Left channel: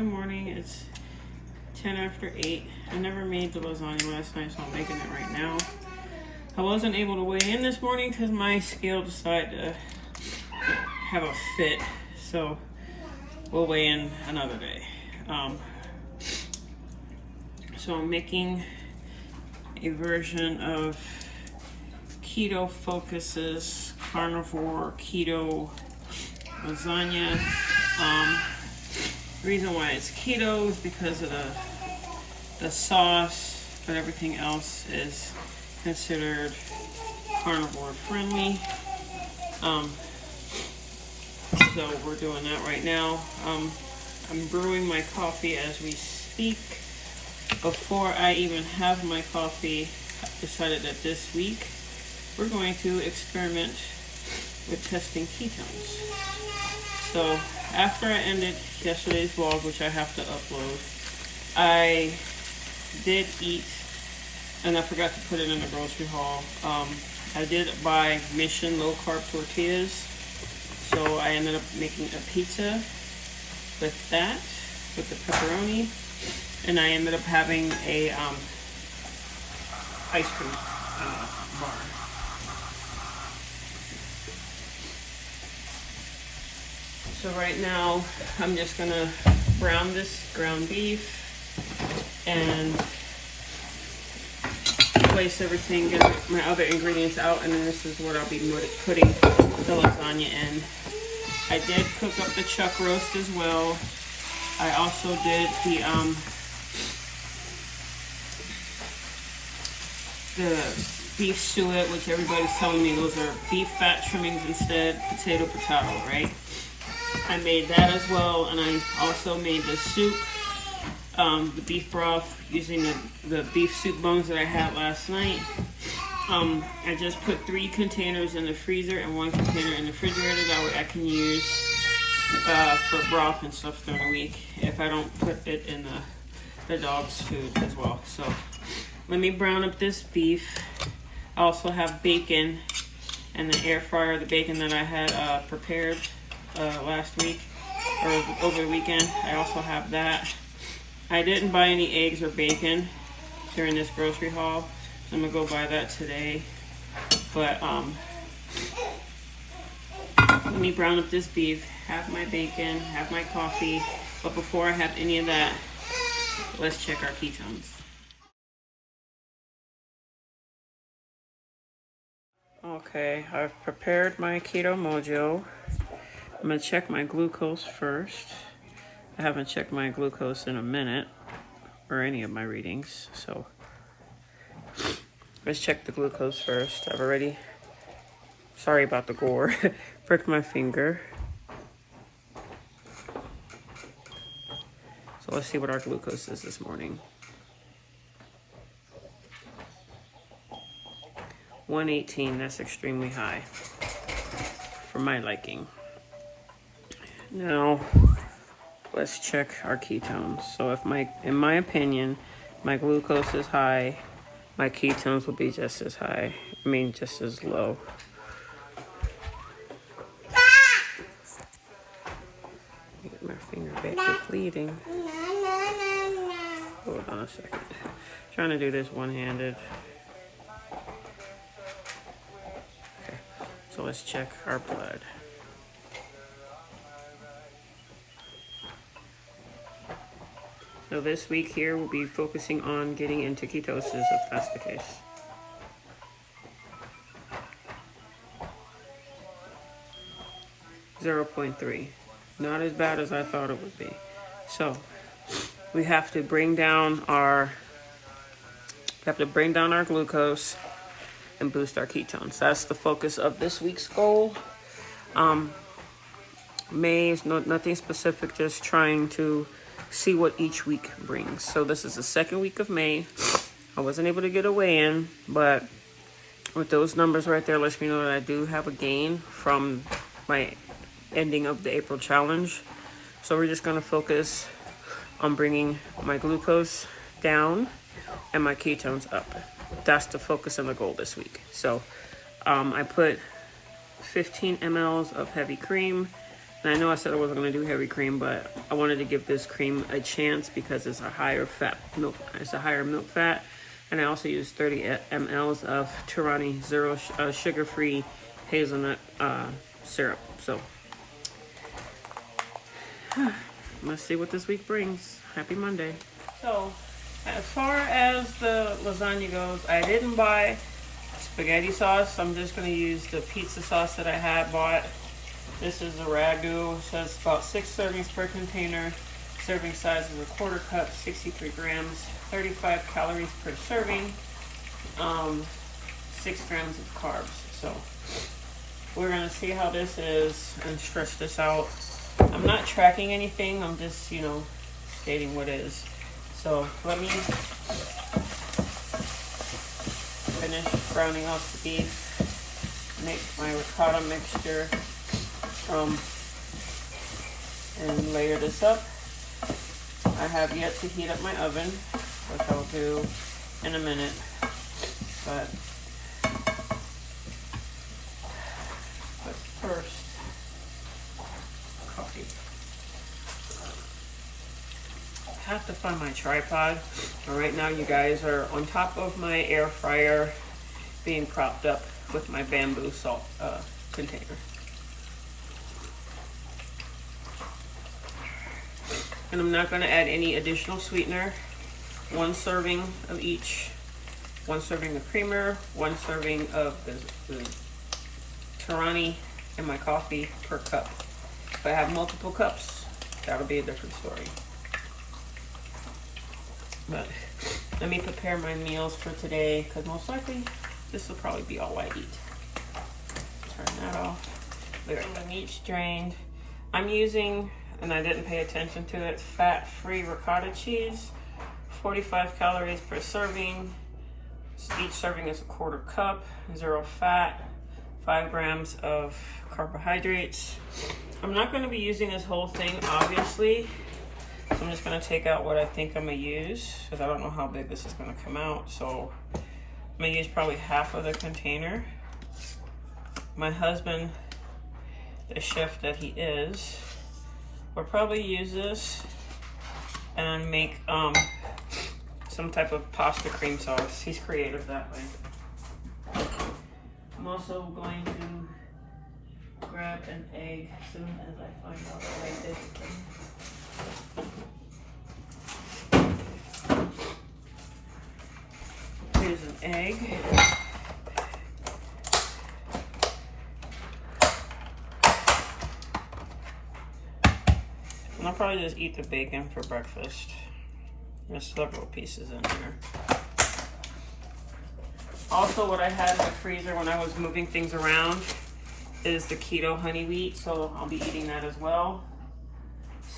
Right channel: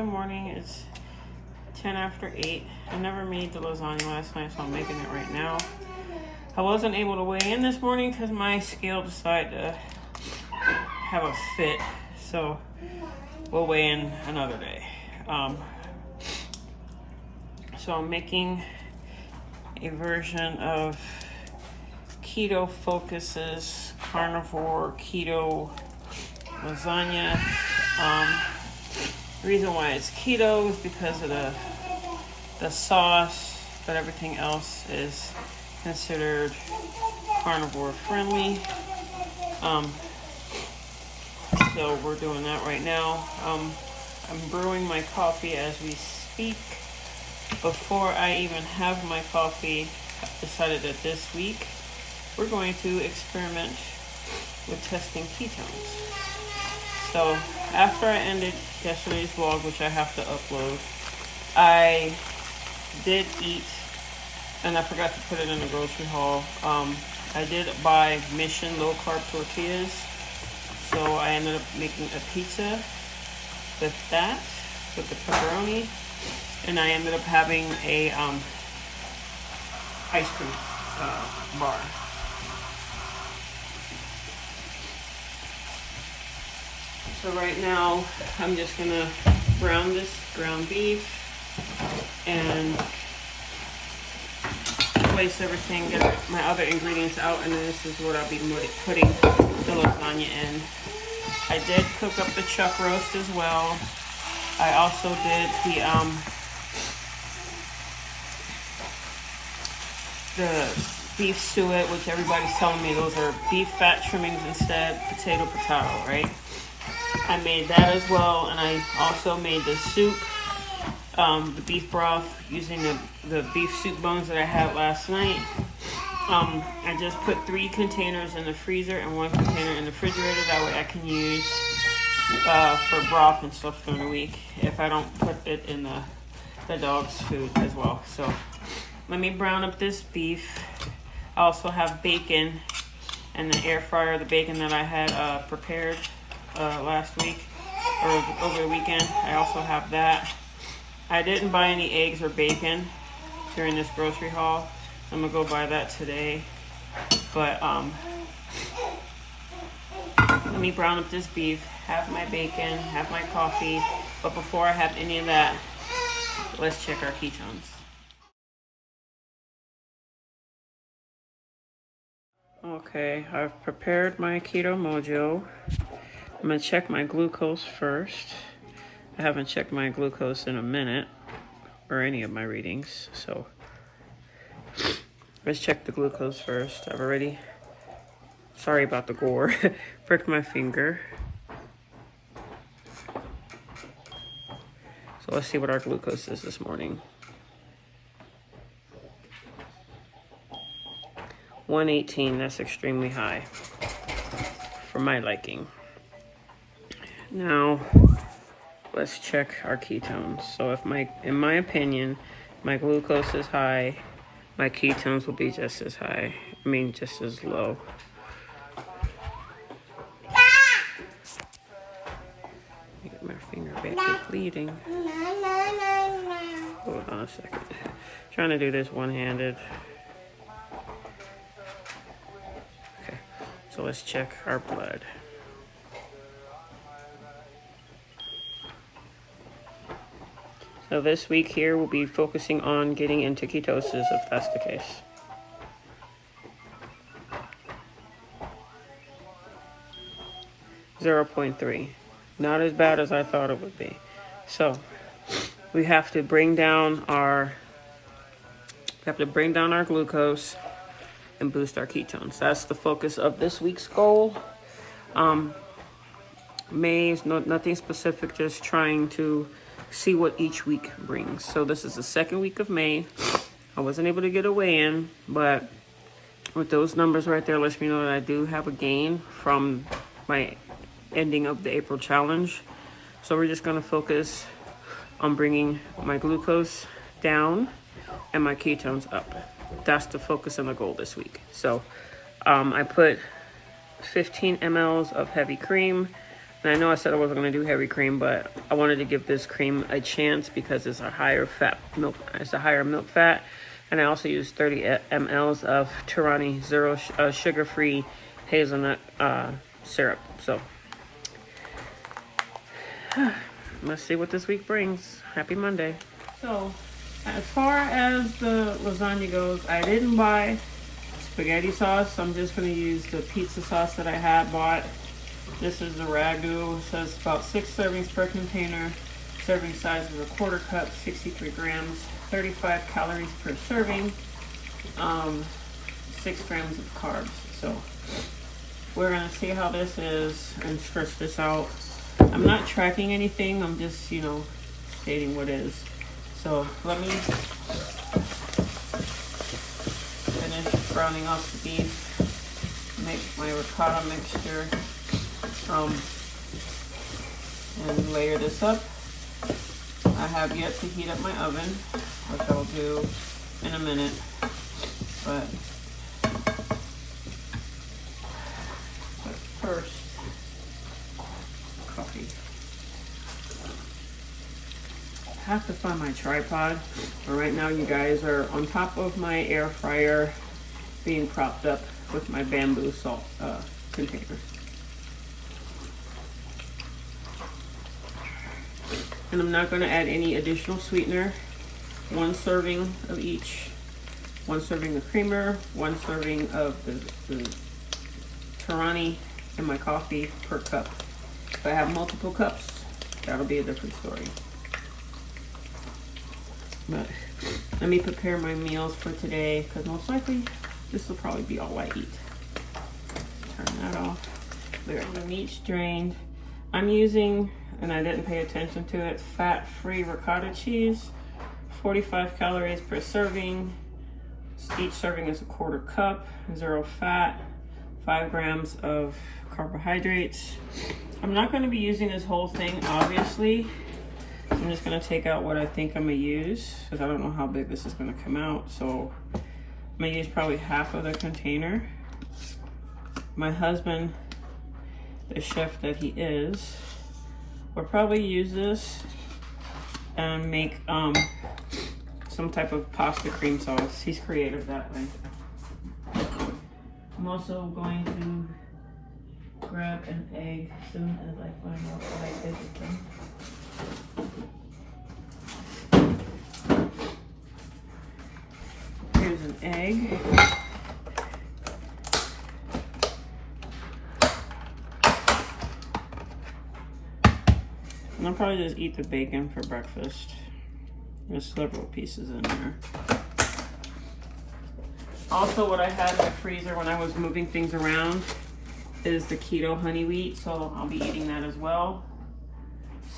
Good morning. It's 10 after 8. I never made the lasagna last night, so I'm making it right now. I wasn't able to weigh in this morning because my scale decided to have a fit, so we'll weigh in another day. So I'm making a version of Keto Focus's carnivore keto lasagna. The reason why it's keto is because of the sauce, but everything else is considered carnivore friendly. So we're doing that right now. I'm brewing my coffee as we speak. Before I even have my coffee, I've decided that this week we're going to experiment with testing ketones. So after I ended yesterday's vlog, which I have to upload, I did eat, and I forgot to put it in the grocery haul. I did buy Mission low carb tortillas, so I ended up making a pizza with that, with the pepperoni, and I ended up having a ice cream bar. So right now, I'm just gonna brown this ground beef and place everything, get my other ingredients out, and then this is what I'll be putting the lasagna in. I did cook up the chuck roast as well. I also did the beef suet, which everybody's telling me those are beef fat trimmings instead, potato, right? I made that as well, and I also made the soup, the beef broth, using the beef soup bones that I had last night. I just put 3 containers in the freezer and 1 container in the refrigerator. That way I can use for broth and stuff during the week if I don't put it in the dog's food as well. So let me brown up this beef. I also have bacon in the air fryer, the bacon that I had prepared last week or over the weekend. I also have that. I didn't buy any eggs or bacon during this grocery haul, so I'm gonna go buy that today. But let me brown up this beef, have my bacon, have my coffee. But before I have any of that, let's check our ketones. Okay, I've prepared my Keto Mojo. I'm gonna check my glucose first. I haven't checked my glucose in a minute, or any of my readings, so let's check the glucose first. I've already, sorry about the gore, pricked my finger. So let's see what our glucose is this morning. 118, that's extremely high for my liking. Now, let's check our ketones. So if in my opinion, my glucose is high, my ketones will be just as high. I mean, just as low. Let me get my finger back to bleeding. Hold on a second. Trying to do this one-handed. Okay, so let's check our blood. So this week here, we'll be focusing on getting into ketosis, if that's the case. .3. Not as bad as I thought it would be. So we have to bring down our glucose and boost our ketones. That's the focus of this week's goal. May is nothing specific, just trying to see what each week brings. So this is the second week of May. I wasn't able to get a weigh-in, but with those numbers right there lets me know that I do have a gain from my ending of the April challenge. So we're just gonna focus on bringing my glucose down and my ketones up. That's the focus and the goal this week. So I put 15 mLs of heavy cream, And I know I said I wasn't going to do heavy cream, but I wanted to give this cream a chance because it's a higher fat milk. It's a higher milk fat. And I also used 30 mLs of Tirani zero sugar-free hazelnut syrup. So let's see what this week brings. Happy Monday. So as far as the lasagna goes, I didn't buy spaghetti sauce. I'm just going to use the pizza sauce that I had bought. This is the ragu. It says about 6 servings per container. Serving size is a 1/4 cup, 63 grams, 35 calories per serving, 6 grams of carbs. So we're gonna see how this is and stretch this out. I'm not tracking anything. I'm just, you know, stating what is. So let me finish browning off the beef, make my ricotta mixture, and layer this up. I have yet to heat up my oven, which I'll do in a minute, but first, coffee. I have to find my tripod, but right now you guys are on top of my air fryer being propped up with my bamboo salt container. And I'm not going to add any additional sweetener. 1 serving of each. 1 serving of creamer, 1 serving of the Tirani in my coffee per cup. If I have multiple cups, that'll be a different story. But let me prepare my meals for today, because most likely this will probably be all I eat. Turn that off. There, the meat's drained. I'm using, and I didn't pay attention to it, fat-free ricotta cheese, 45 calories per serving. Each serving is a 1/4 cup, 0 fat, 5 grams of carbohydrates. I'm not going to be using this whole thing, obviously. I'm just going to take out what I think I'm going to use, because I don't know how big this is going to come out. So I'm going to use probably half of the container. My husband, the chef that he is, will probably use this and make some type of pasta cream sauce. He's creative that way. I'm also going to grab an egg as soon as I find out what it is. Here's an egg. And I'll probably just eat the bacon for breakfast. There's several pieces in there. Also, what I had in the freezer when I was moving things around is the keto honey wheat, so I'll be eating that as well.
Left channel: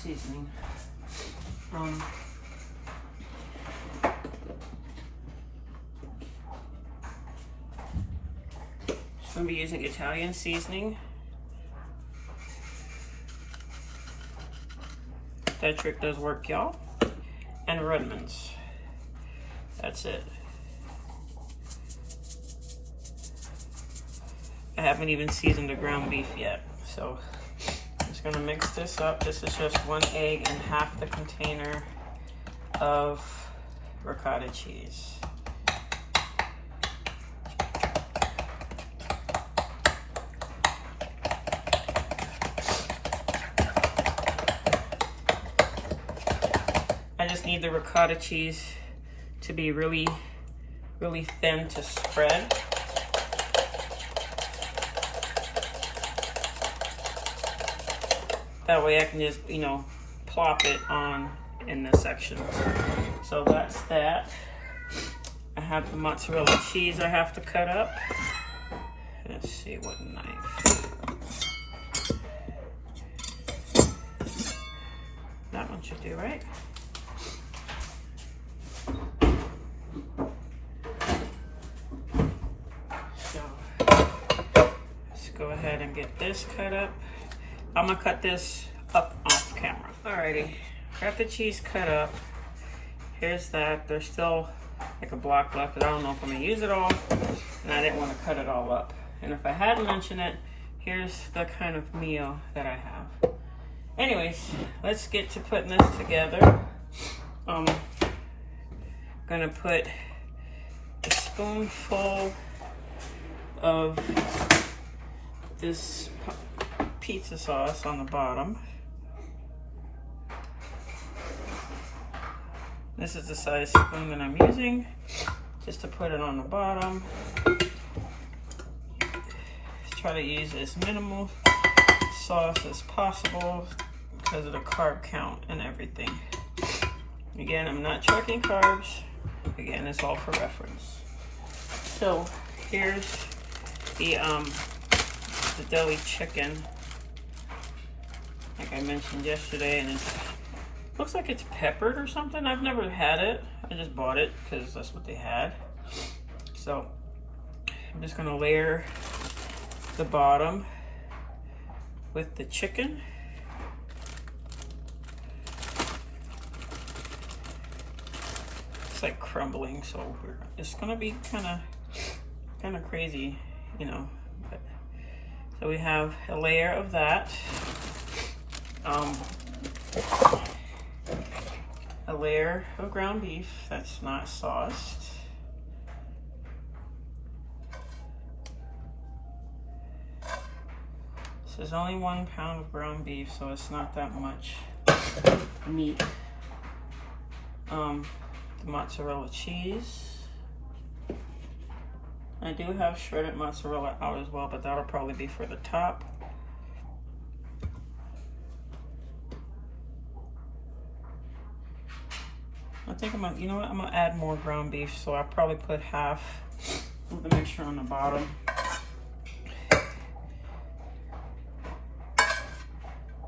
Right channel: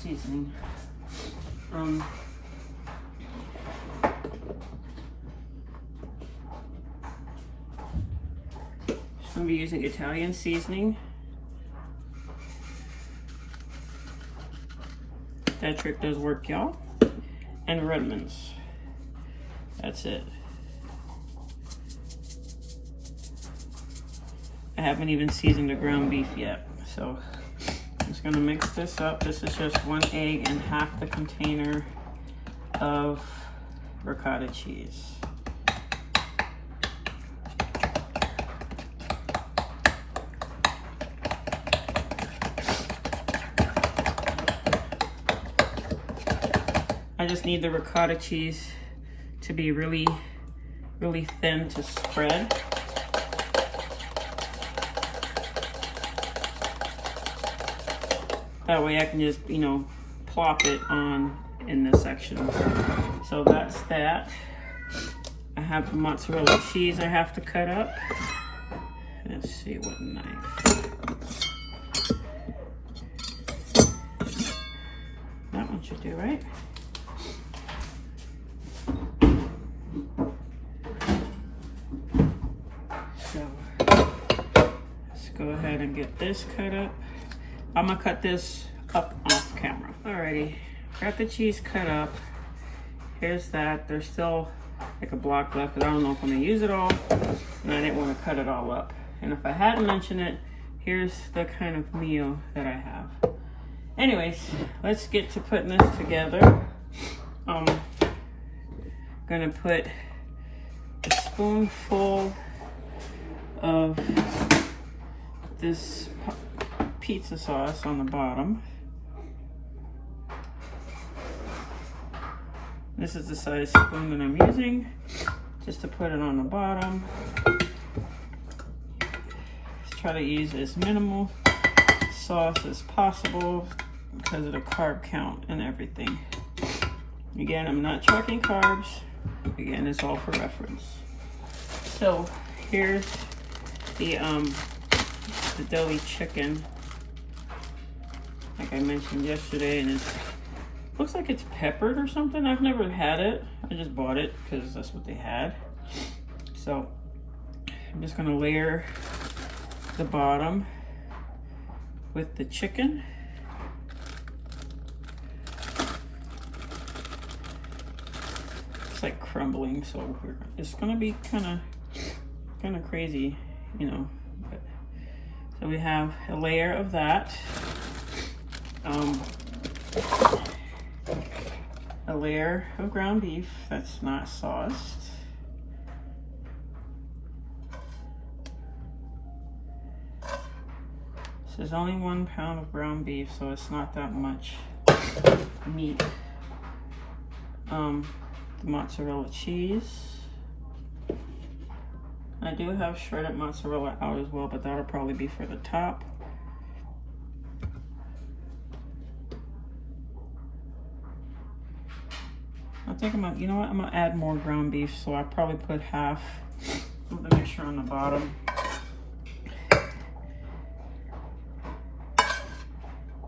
Seasoning. So I'll be using Italian seasoning. That trick does work, y'all. And Redmond's. That's it. I haven't even seasoned the ground beef yet, so I'm just gonna mix this up. This is just 1 egg and half the container of ricotta cheese. I just need the ricotta cheese to be really, really thin to spread. That way I can just, you know, plop it on in the sections. So that's that. I have the mozzarella cheese I have to cut up. Let's see what knife. That one should do, right? Go ahead and get this cut up. I'm gonna cut this up off camera. Alrighty, got the cheese cut up. Here's that. There's still like a block left, but I don't know if I'm gonna use it all, and I didn't want to cut it all up. And if I hadn't mentioned it, here's the kind of meal that I have. Anyways, let's get to putting this together. Gonna put a spoonful of this pizza sauce on the bottom. This is the size spoon that I'm using, just to put it on the bottom. Try to use as minimal sauce as possible because of the carb count and everything. Again, I'm not tracking carbs. Again, it's all for reference. So here's the deli chicken, like I mentioned yesterday, and it looks like it's peppered or something. I've never had it. I just bought it because that's what they had. So I'm just gonna layer the bottom with the chicken. It's like crumbling, so it's gonna be kind of crazy, you know. But, so we have a layer of that, a layer of ground beef that's not sauced. This is only 1 pound of ground beef, so it's not that much meat. The mozzarella cheese. I do have shredded mozzarella out as well, but that'll probably be for the top. I think I'm gonna, you know what, I'm gonna add more ground beef, so I'll probably put half of the mixture on the bottom.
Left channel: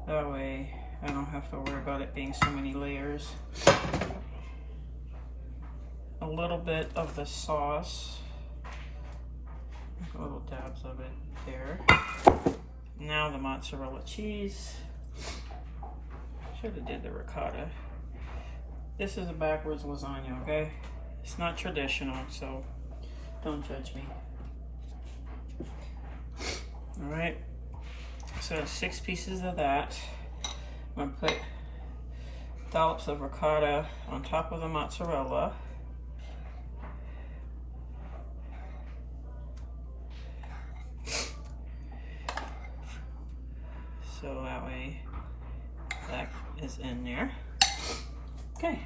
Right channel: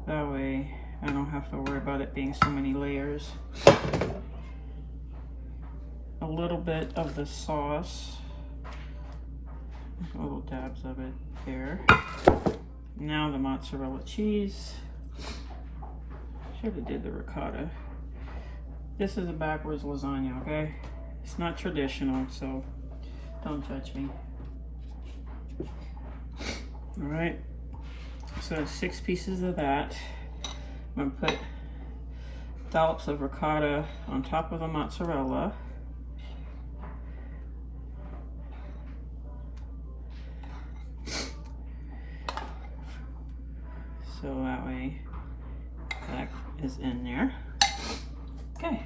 That way I don't have to worry about it being so many layers. A little bit of the sauce, little dabs of it there. Now the mozzarella cheese. Should have did the ricotta. This is a backwards lasagna, okay? It's not traditional, so don't judge me. All right, so 6 pieces of that. I'm gonna put dollops of ricotta on top of the mozzarella. So that way that is in there. Okay,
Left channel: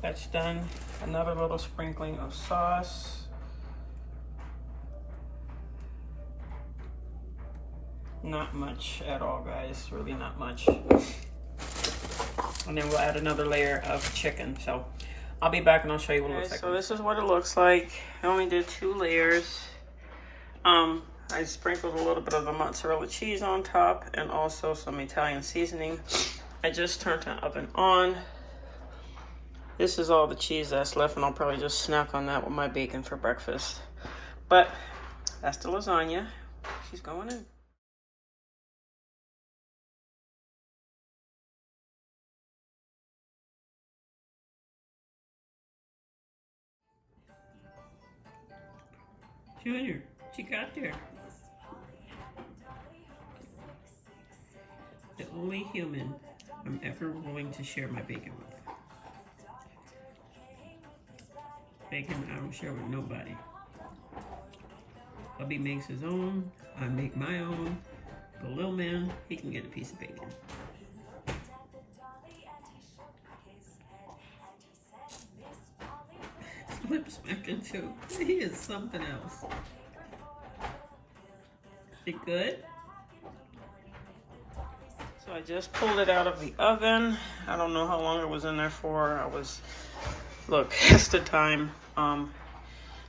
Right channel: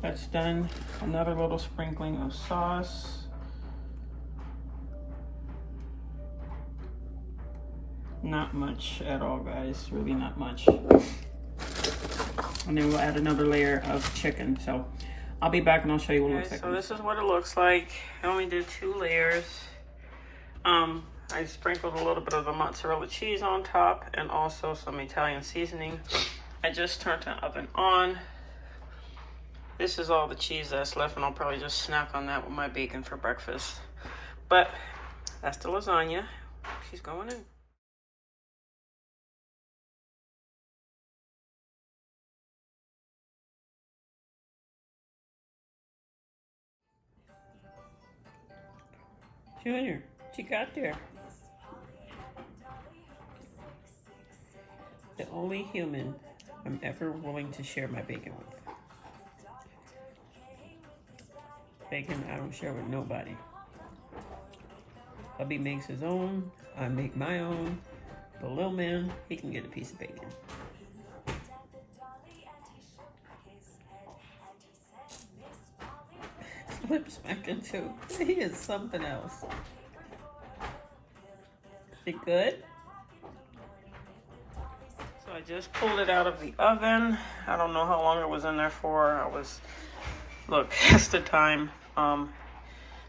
that's done. Another little sprinkling of sauce. Not much at all, guys, really not much. And then we'll add another layer of chicken. So I'll be back and I'll show you what it looks like. So this is what it looks like. I only did 2 layers. I sprinkled a little bit of the mozzarella cheese on top and also some Italian seasoning. I just turned the oven on. This is all the cheese that's left, and I'll probably just snack on that with my bacon for breakfast. But that's the lasagna. She's going in. Junior, she got there. The only human I'm ever willing to share my bacon with. Bacon I don't share with nobody. Hubby makes his own, I make my own. The little man, he can get a piece of bacon. Lip smacking too. He is something else. Is it good? So I just pulled it out of the oven. I don't know how long it was in there for. Look, that's the time.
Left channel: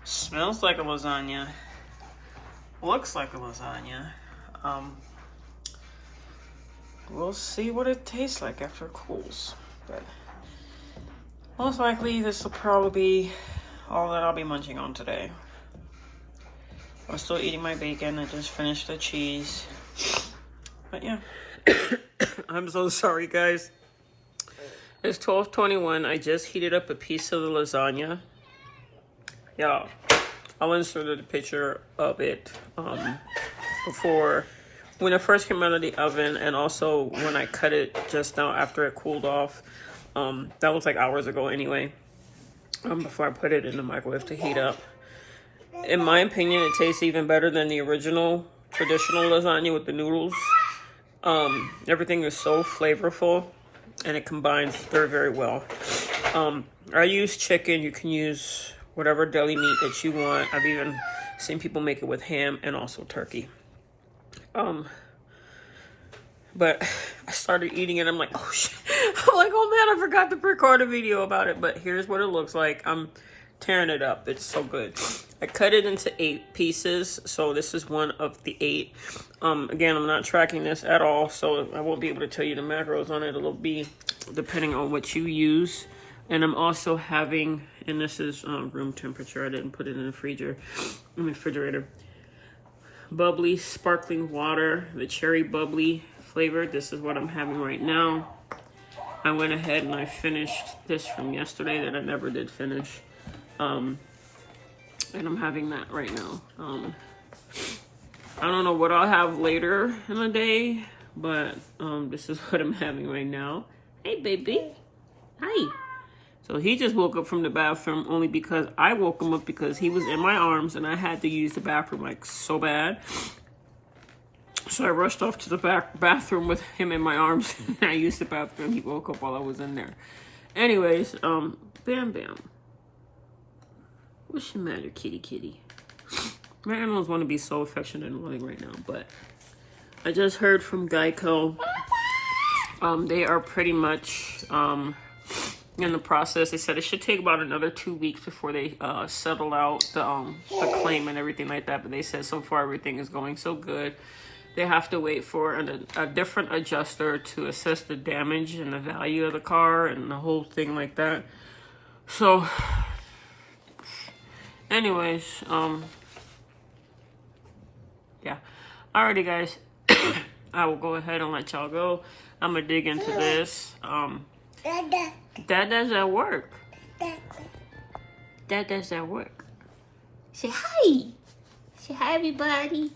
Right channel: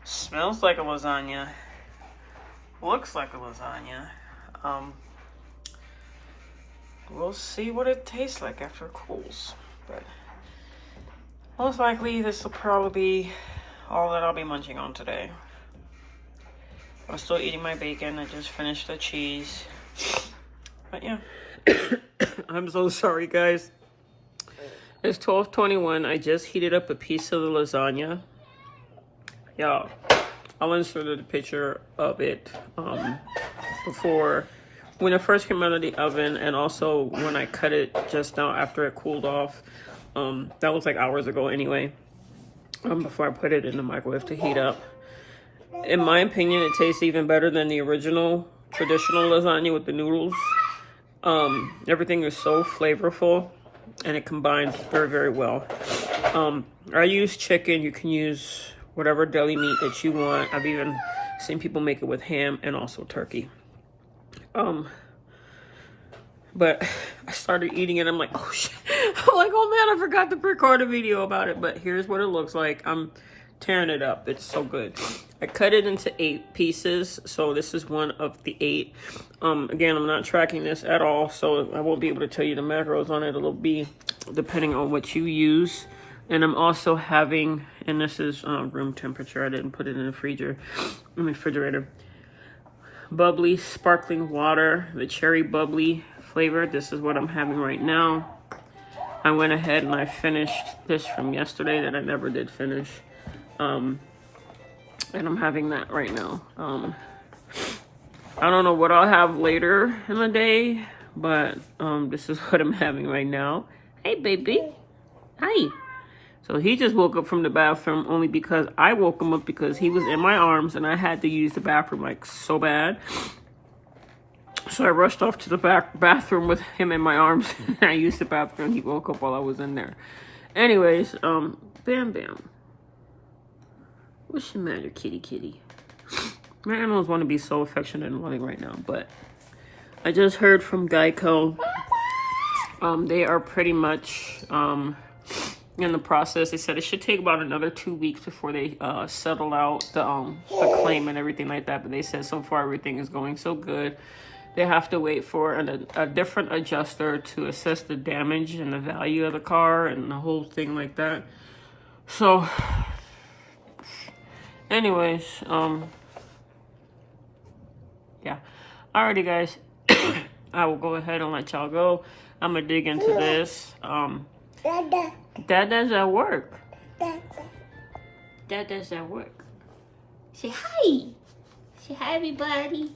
Smells like a lasagna. Looks like a lasagna. We'll see what it tastes like after it cools. But most likely this will probably be all that I'll be munching on today. I'm still eating my bacon. I just finished the cheese. But yeah. I'm so sorry, guys. It's 12:21. I just heated up a piece of the lasagna. Y'all, I'll insert a picture of it before when it first came out of the oven, and also when I cut it just now after it cooled off. That was like hours ago anyway, before I put it in the microwave to heat up. In my opinion, it tastes even better than the original traditional lasagna with the noodles. Everything is so flavorful, and it combines very, very well. I use chicken. You can use whatever deli meat that you want. I've even seen people make it with ham and also turkey. But I started eating it. I'm like, oh shit. I'm like, oh man, I forgot to record a video about it. But here's what it looks like. I'm tearing it up. It's so good. I cut it into 8 pieces. So this is one of the 8. Again, I'm not tracking this at all. So I won't be able to tell you the macros on it. It'll be depending on what you use. And I'm also having, and this is room temperature. I didn't put it in the refrigerator. Bubbly sparkling water, the cherry bubbly flavor. This is what I'm having right now. I went ahead and I finished this from yesterday that I never did finish. And I'm having that right now. I don't know what I'll have later in the day, but this is what I'm having right now. Hey, baby. Hi. So he just woke up from the bathroom only because I woke him up because he was in my arms and I had to use the bathroom like so bad. So I rushed off to the bathroom with him in my arms. I used the bathroom and he woke up while I was in there. Anyways, Bam Bam. What's the matter, kitty kitty? My animals want to be so affectionate and loving right now, but I just heard from Geico. They are pretty much in the process. They said it should take about another 2 weeks before they settle out the claim and everything like that. But they said so far everything is going so good. They have to wait for a different adjuster to assess the damage and the value of the car and the whole thing like that. So, anyways, yeah. Alrighty, guys. I will go ahead and let y'all go. I'm gonna dig into this. Dada's at work. Dada's at work. Say hi. Say hi, everybody.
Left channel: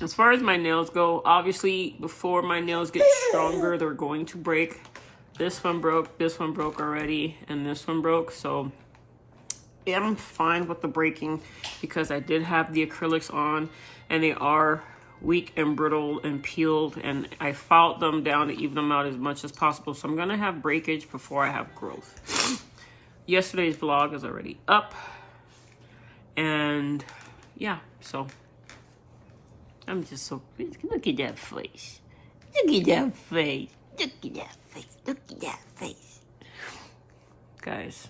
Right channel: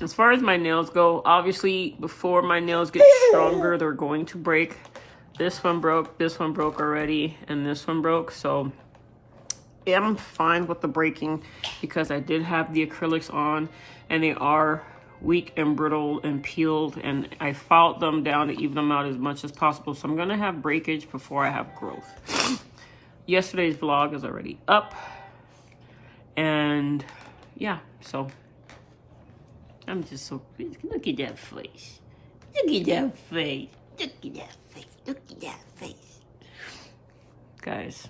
As far as my nails go, obviously, before my nails get stronger, they're going to break. This one broke already, and this one broke. So, yeah, I'm fine with the breaking because I did have the acrylics on, and they are weak and brittle and peeled, and I filed them down to even them out as much as possible. So I'm gonna have breakage before I have growth. Yesterday's vlog is already up, and yeah, so I'm just so, look at that face, look at that face, look at that face, look at that face, guys.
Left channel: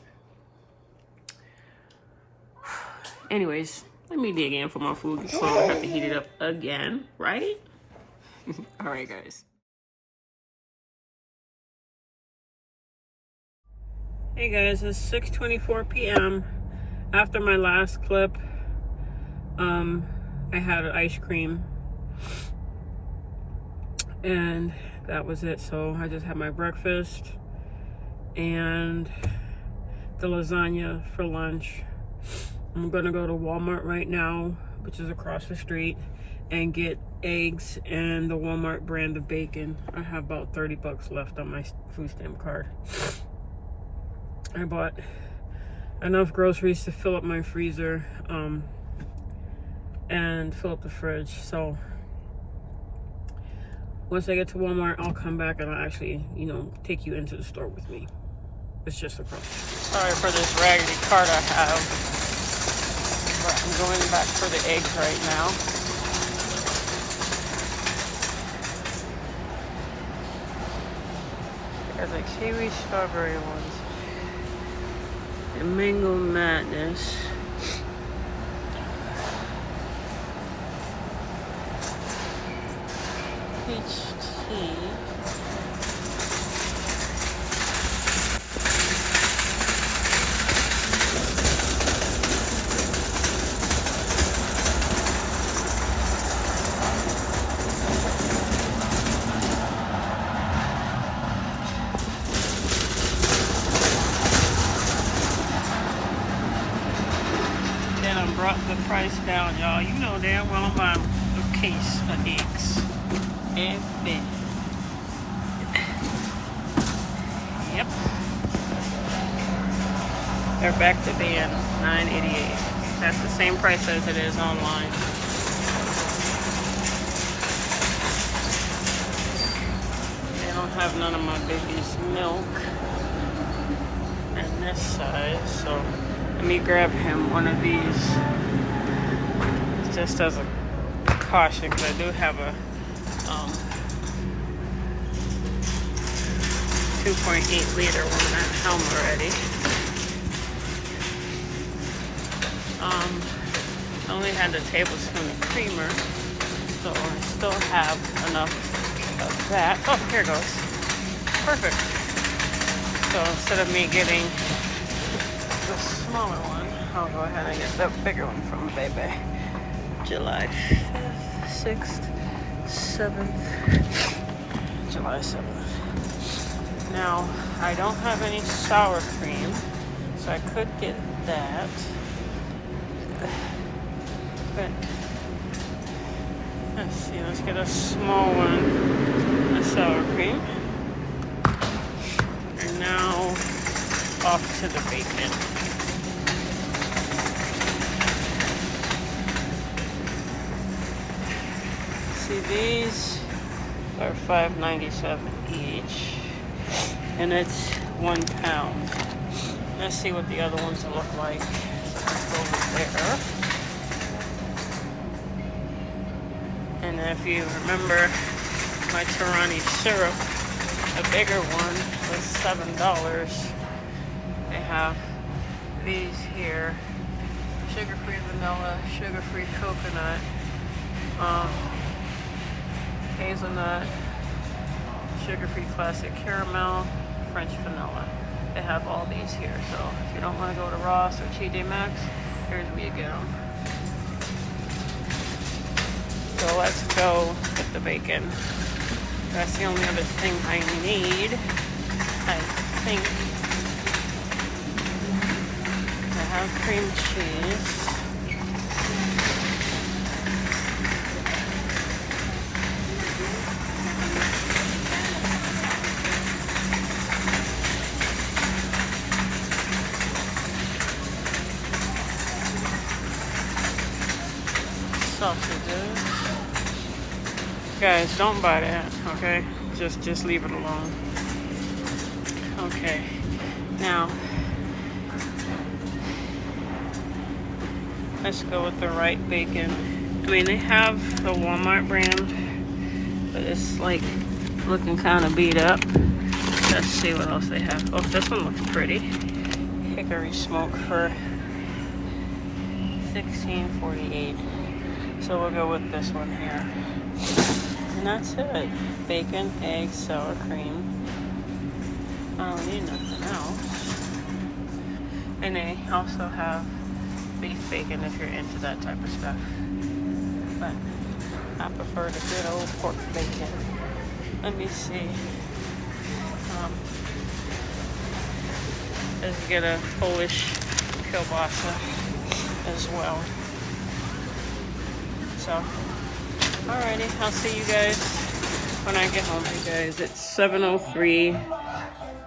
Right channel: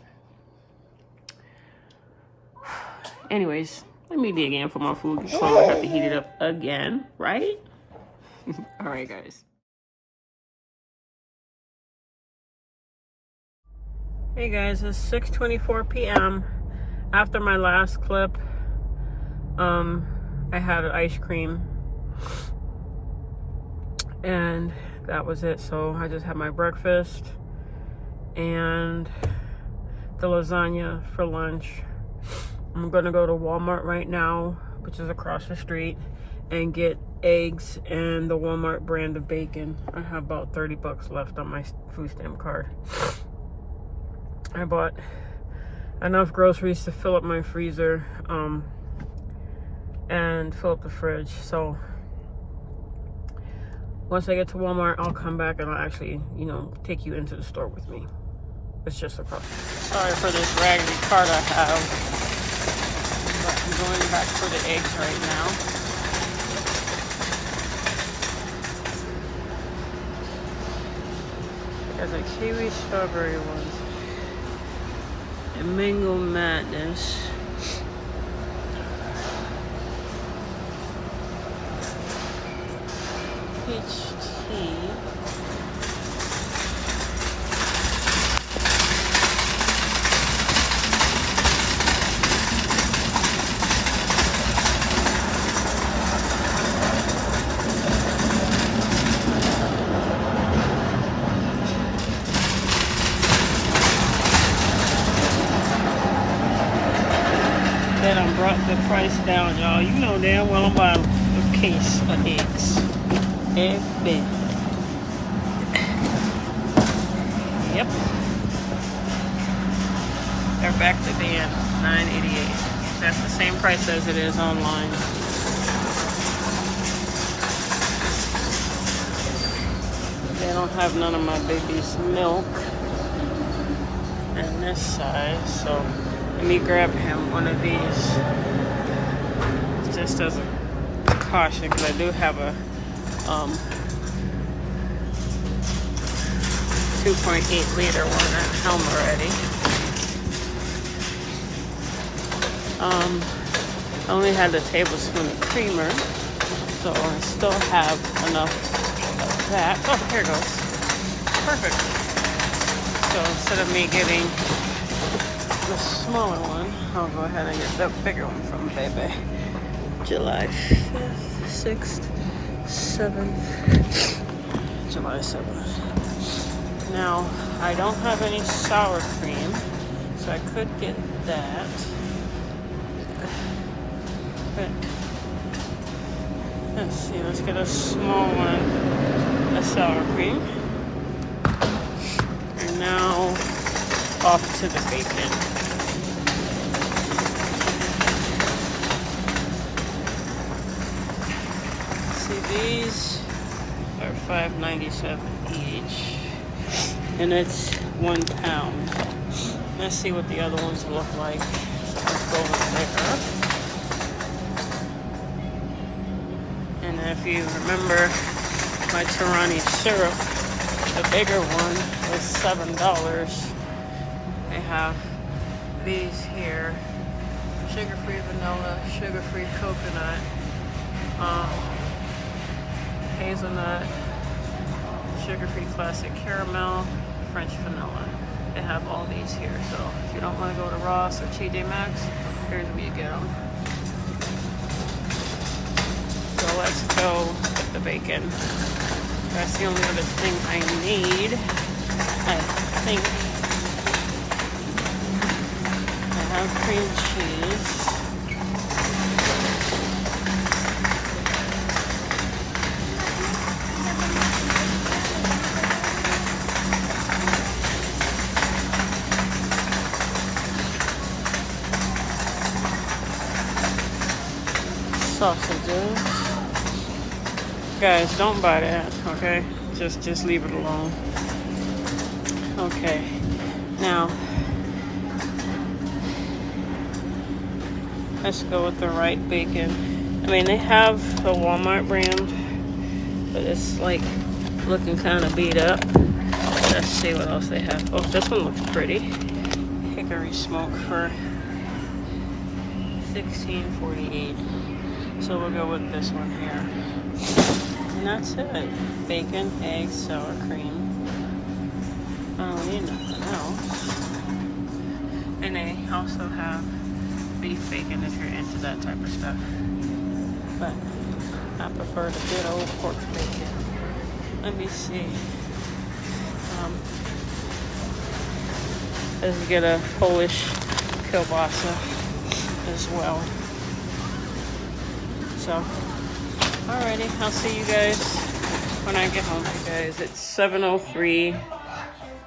Anyways, let me dig in for my food before I have to heat it up again, right? All right, guys. Hey guys, it's 6:24 p.m. After my last clip, I had an ice cream, and that was it. So I just had my breakfast and the lasagna for lunch. I'm gonna go to Walmart right now, which is across the street, and get eggs and the Walmart brand of bacon. I have about 30 bucks left on my food stamp card. I bought enough groceries to fill up my freezer and fill up the fridge. So once I get to Walmart, I'll come back and I'll actually, take you into the store with me. It's just across. Sorry for this raggedy cart I have. But I'm going back for the eggs right now. There's a kiwi strawberry ones. And mango madness. Peach tea. Then I brought the price down, y'all. You know damn well I'm buying a case of eggs. Egg bin. Yep. They're back to being $9.88. That's the same price as it is online. They don't have none of my baby's milk in this size, so let me grab him one of these just as a precaution, because I do have a 2.8 liter one at home already. I only had a tablespoon of creamer, so I still have enough of that. Oh, here it goes. Perfect. So instead of me getting the smaller one, I'll go ahead and get the bigger one from the baby. July 5th, 6th, 7th, July 7th. Now, I don't have any sour cream, so I could get that. But let's see, let's get a small one of sour cream. And now off to the bacon. See, these are $5.97 each, and it's 1 pound. Let's see what the other ones look like. Let's go over there. And if you remember my Tirani syrup, the bigger one was $7. They have these here: sugar-free vanilla, sugar-free coconut, hazelnut, sugar-free classic caramel, French vanilla. They have all these here, so if you don't want to go to Ross or TJ Maxx, here's where you get them. So let's go get the bacon. That's the only other thing I need, I think. I have cream cheese. Sausages. Guys, don't buy that, okay? Just leave it alone. Okay. Now, let's go with the right bacon. I mean, they have the Walmart brand, but it's like looking kind of beat up. Let's see what else they have. Oh, this one looks pretty. Hickory smoke for $16.48. So we'll go with this one here. And that's it. Bacon, eggs, sour cream. I don't need nothing else. And they also have beef bacon if you're into that type of stuff. But I prefer the good old pork bacon. Let me see. Let's get a Polish kielbasa as well. So, alrighty, I'll see you guys when I get home. Hey guys, it's 7:03.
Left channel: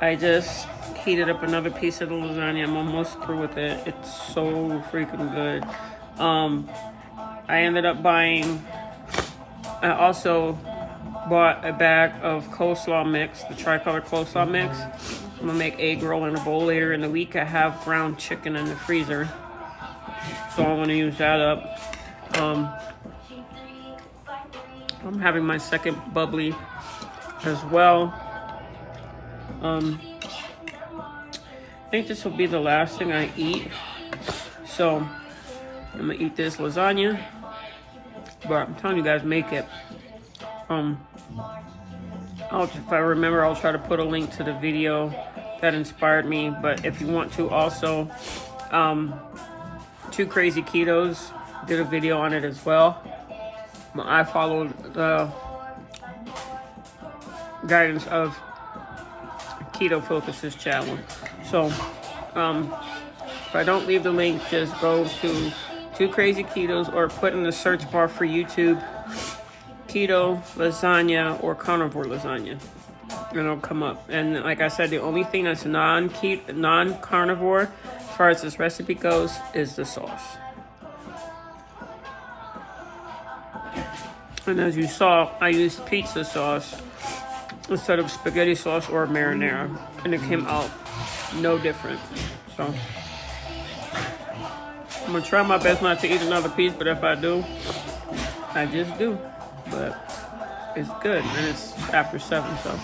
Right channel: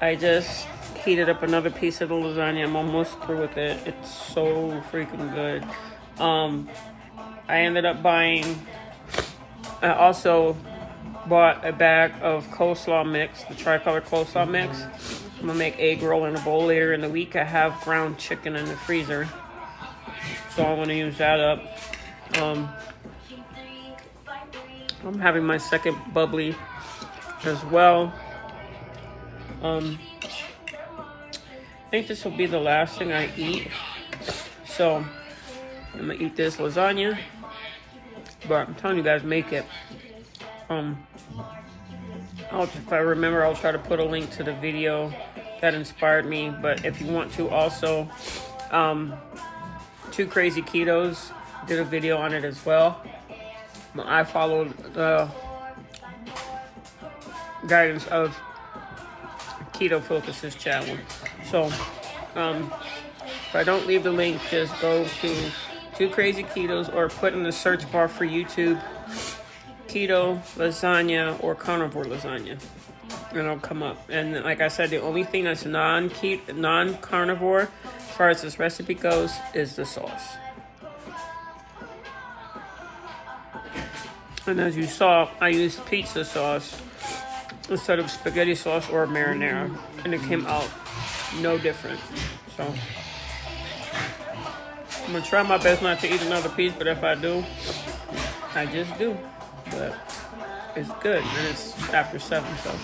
I just heated up another piece of the lasagna. I'm almost through with it. It's so freaking good. I ended up buying, I also bought a bag of coleslaw mix, the tricolor coleslaw mix. I'm gonna make egg roll in a bowl later in the week. I have ground chicken in the freezer, so I want to use that up. I'm having my second bubbly as well. I think this will be the last thing I eat. So I'm gonna eat this lasagna, but I'm telling you guys, make it. If I remember, I'll try to put a link to the video that inspired me. But if you want to also, Two Crazy Ketos did a video on it as well. I followed the guidance of Keto Focus's channel. So if I don't leave the link, just go to Two Crazy Ketos or put in the search bar for YouTube keto lasagna or carnivore lasagna. And it'll come up. And like I said, the only thing that's non-carnivore, as far as this recipe goes, is the sauce. And as you saw, I used pizza sauce instead of spaghetti sauce or marinara. And it came out no different. So I'm going to try my best not to eat another piece, but if I do, I just do. But it's good, and it's after 7, so.